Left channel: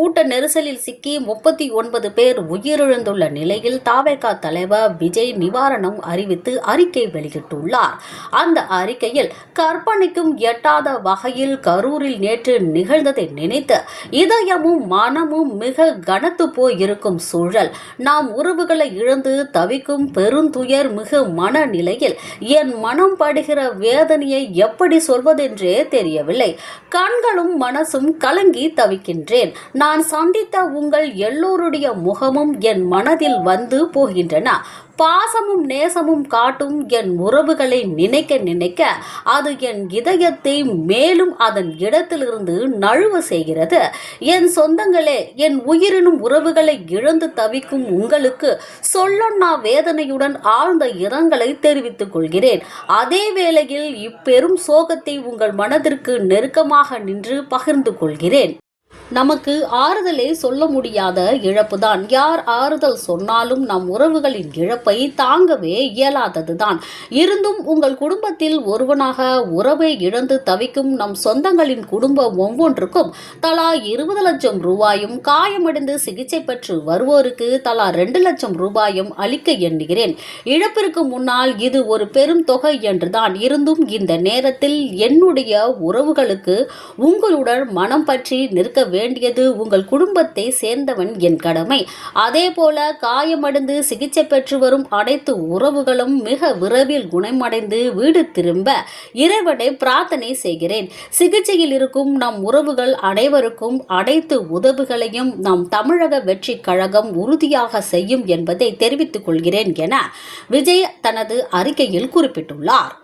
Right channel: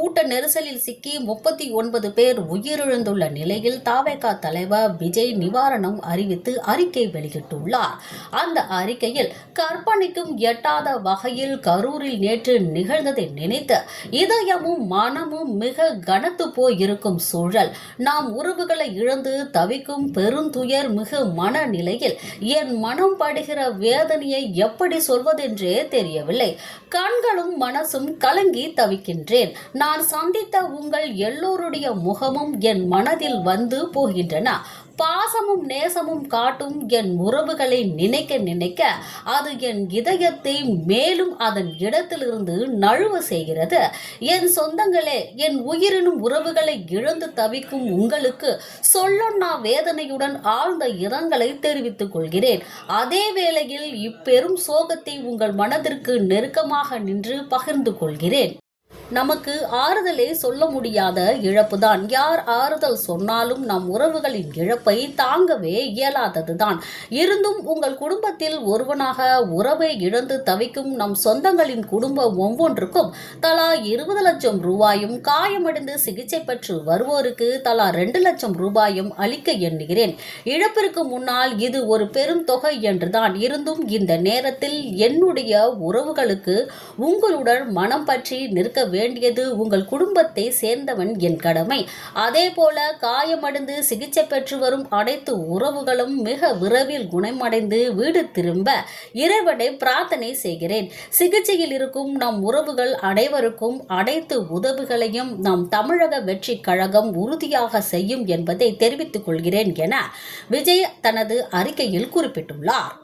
கூட்ட நெரிசலில் சிக்கி முப்பத்தி ஒன்பது பேர் உயிரிழந்துள்ள நிலையில் தாவேகா தலைவர் விஜய் நிவாரணம் அறிவித்து அறிக்கை வெளியிட்டுள்ளார். அந்த அறிக்கையில் கற்பனைக்கும் எட்டாத வகையில் கரூரில் நேற்று நிகழ்ந்ததை நினைத்து இதயமும் மனமும் மிக கனத்து போய் இருக்கும் சூழல். நாம் உறவுகளை இழந்து தவிக்கும் பெருந்துயர் மிகு மனநிலையில் என் மனம் படுகிற வேதனையை எப்படி சொல்வதென்றே தெரியவில்லை. கண்களும் மனசும் கலங்கி தவிக்கின்றேன். நான் நான் சந்தித்த உங்கள் எல்லோருடைய முகமும் என் மனதில் வந்து போகின்றன. பாசமும் நேசமும் காட்டும் என் உறவுகளை நினைக்க நினைக்க அது என் இதயத்தை மேலும் அதன் இடத்திலிருந்து நழுவ செய்கிறது. என் சொந்தங்களே என் உயிரினும் உறவுகளை இழந்து தவிக்கும் உங்களுக்கு சொல்லொன்னா வேதனையுடன் ஆழ்ந்த இரங்கலை தெரிவித்துக் கொள்கிறேன். அதே வேளையில் இப்பெரும் சோகத்தை உங்கள் மனதிற்கு நெருக்கமாக நின்று பகிர்ந்து கொள்கிறேன். நமக்கு ஆறுதலே சொல்ல முடியாத இழப்புதான். யார் ஆறுதல் சொன்னாலும் நம் உறவுகளின் இழப்பை தாங்கவே இயலாததுதான். இருந்தும் உங்கள் குடும்பத்தில் ஒருவனாக உறவை இழந்து தவிக்கும் நம் சொந்தங்களின் குடும்பம் ஒவ்வொன்றுக்கும் தலா இருபது லட்சம் ரூபாயும் காயமடைந்து சிகிச்சை பெற்று வருவோருக்கு தலா ரெண்டு லட்சம் ரூபாயும் அளிக்க எண்ணுகிறேன். இழப்பிற்கு முன்னால் இது ஒரு பெரும் தொகை என்றுதான். இருந்தும் இந்த நேரத்தில் என்னுடைய உறவுகளுக்கு உங்களுடன் மனம் பற்றி நிற்க வேண்டியது உங்கள் குடும்பத்தை சேர்ந்தவன் என் கடமை. அதே போல காயமடைந்து சிகிச்சை பெற்று வரும் அனைத்து உறவுகளும் மிக விரைவில் குணமடைந்து வீடு திரும்ப இறைவனை பிரார்த்தனை செய்கிறேன். சிகிச்சையில் இருக்கும் நம் உறவுகள் அனைவருக்கும் அனைத்து உதவுகளையும் நம் தமிழக வெற்றி கழகம் உறுதியாக செய்யும் என்பதை தெரிவித்துக் கொள்கிறேன் என விஜய் தனது அறிக்கையில் குறிப்பிட்டுள்ளார்.